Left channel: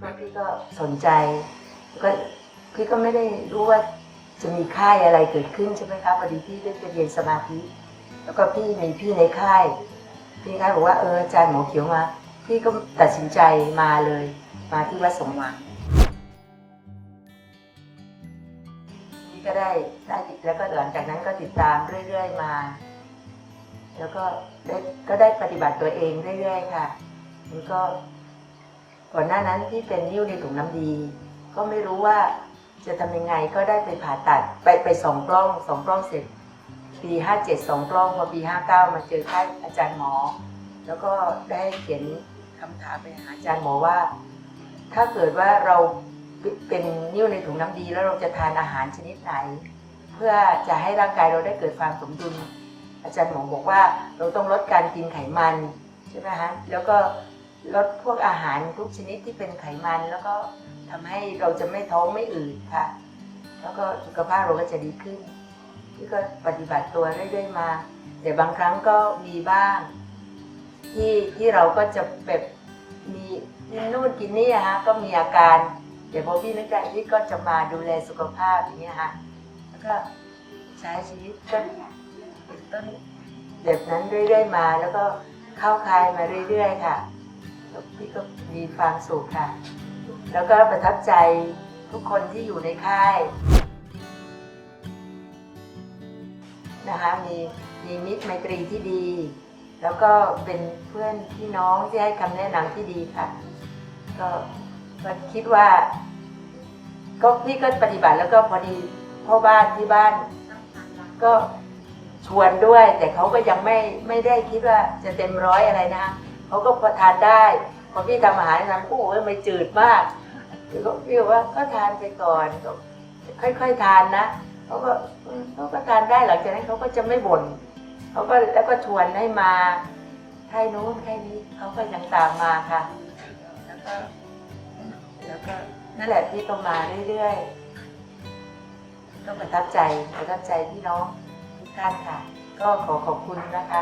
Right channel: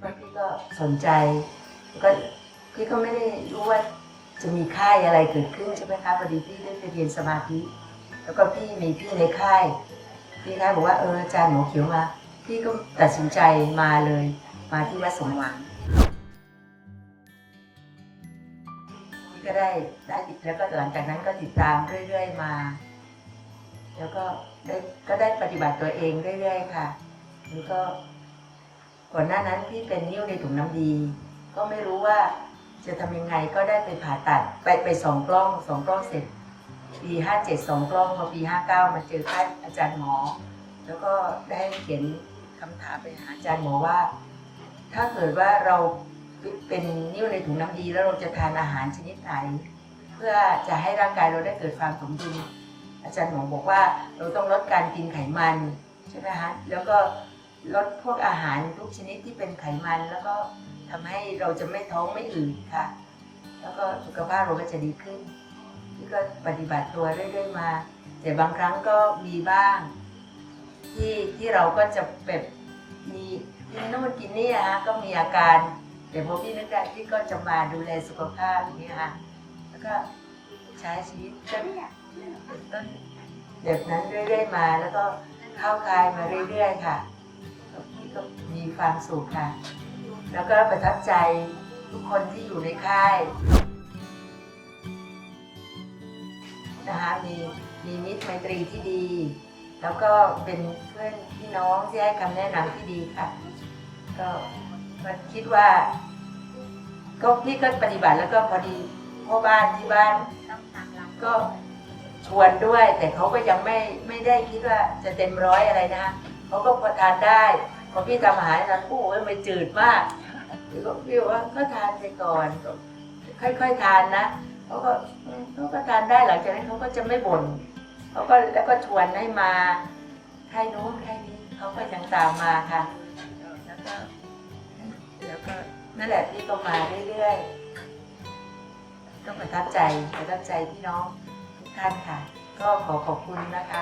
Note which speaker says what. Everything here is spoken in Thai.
Speaker 1: แล้วพี่ก็สนใจแล้วก็พี่ก็ไม่ได้รู้ว่าจะมีค่ายอะไรเกิดขึ้นใช่ไหมคะพอดีพี่ได้ไปเรียนสมาธิ แล้วก็พี่มีพี่ในค่าย พี่ค่ายบอกว่าเอออาจารย์หมอเขียวมา พี่ก็ตัดสินใจมาเลย มาที่วัดสมหวังพี่ก็ได้ได้ติดแล้วก็หลังจากนั้นก็ติดตามเรื่อย ๆ มา แล้วก็ได้ก็ได้ปฏิบัติตัวเองเรื่อย ๆ ค่ะแล้วก็ ก่อนหน้านั้นพี่เป็นนิ้วในถุงน้ำดี ก็ไม่รู้ว่าจะทำยังไงก็ได้ไปผ่าตัดไปไปสองกล้องสองกล้องเสร็จ ปีห้าเจ็ดสองกล้องพอปีห้าเก้ามาเจอค่ายอาจารย์หมอ แล้วก็ได้เขียนคำถามไปหาอาจารย์หมอว่า ถ้าเกิดว่าเราเป็นนิ้วในถุงน้ำดี แล้วเราจะทานอาหารชนิดไหน เพื่อจะให้ร่างกายเราได้เกิดความสมดุลอาจารย์หมอบอกว่าเราต้องลดการกินไขมันใช่ไหมฮะแล้วก็ ลดพวกอาหารทุกชนิดที่เป็นไขมันแล้วก็ทำให้เราจะไม่ท้องไม่อืดค่ะ แล้วก็สุขภาพเราก็จะดีขึ้น พี่ก็ปฏิบัติตัวเรื่อยๆมา แต่บางครั้งก็มีบ้าง ที่ที่เราก็จะแบบมีกินนู่นกินนี่อะฮะก็มีอาการเดี๋ยวพอพี่นึกได้พี่ก็จะมาดูแลสุขภาพอย่างเงี้ยฮะแล้วก็ใช้ชีวิตก็เป็นต้นแบบนั้นเรื่อยๆมา แล้วก็เข้าคายมาเรื่อย ๆ ค่ะ พี่ก็มีความสุขค่ะ แล้วก็ประทับใจทุกคนที่อยู่ในค่ายนะคะมีมีมิตรไมตรีที่ดี แล้วก็เป็นเพื่อนพี่น้องที่ให้คำแนะนำที่ดีค่ะ ก็ก็คิดว่า ก็พี่ก็ปฏิบัติแล้วก็พอดีพ่อบ้านที่บ้าน ก็ชวนด้วย แต่เขาก็ยังไม่ไม่ได้คิดว่าจะเต็มร้อยอะไรนะคะ เขาก็พอทานได้พอพี่ทำอาหารทำโอ้ยไม่จืดมากเดี๋ยวก็พี่ว่าก็ทานไปก่อนก็ค่อยๆทานนะเขาก็เขาก็ทานได้หลังจากนั้นเขาก็จะไม่บ่นเขาก็แล้วก็ชวนให้มาใครนู้นใครนี้เขาก็ยังตามมาค่ะ แล้วก็ แล้วก็นั่นแหละพี่ก็มาเรื่อยๆก็ประทับใจประทับใจพี่น้องทุกท่านค่ะ ก็ขอขอบคุณนะคะ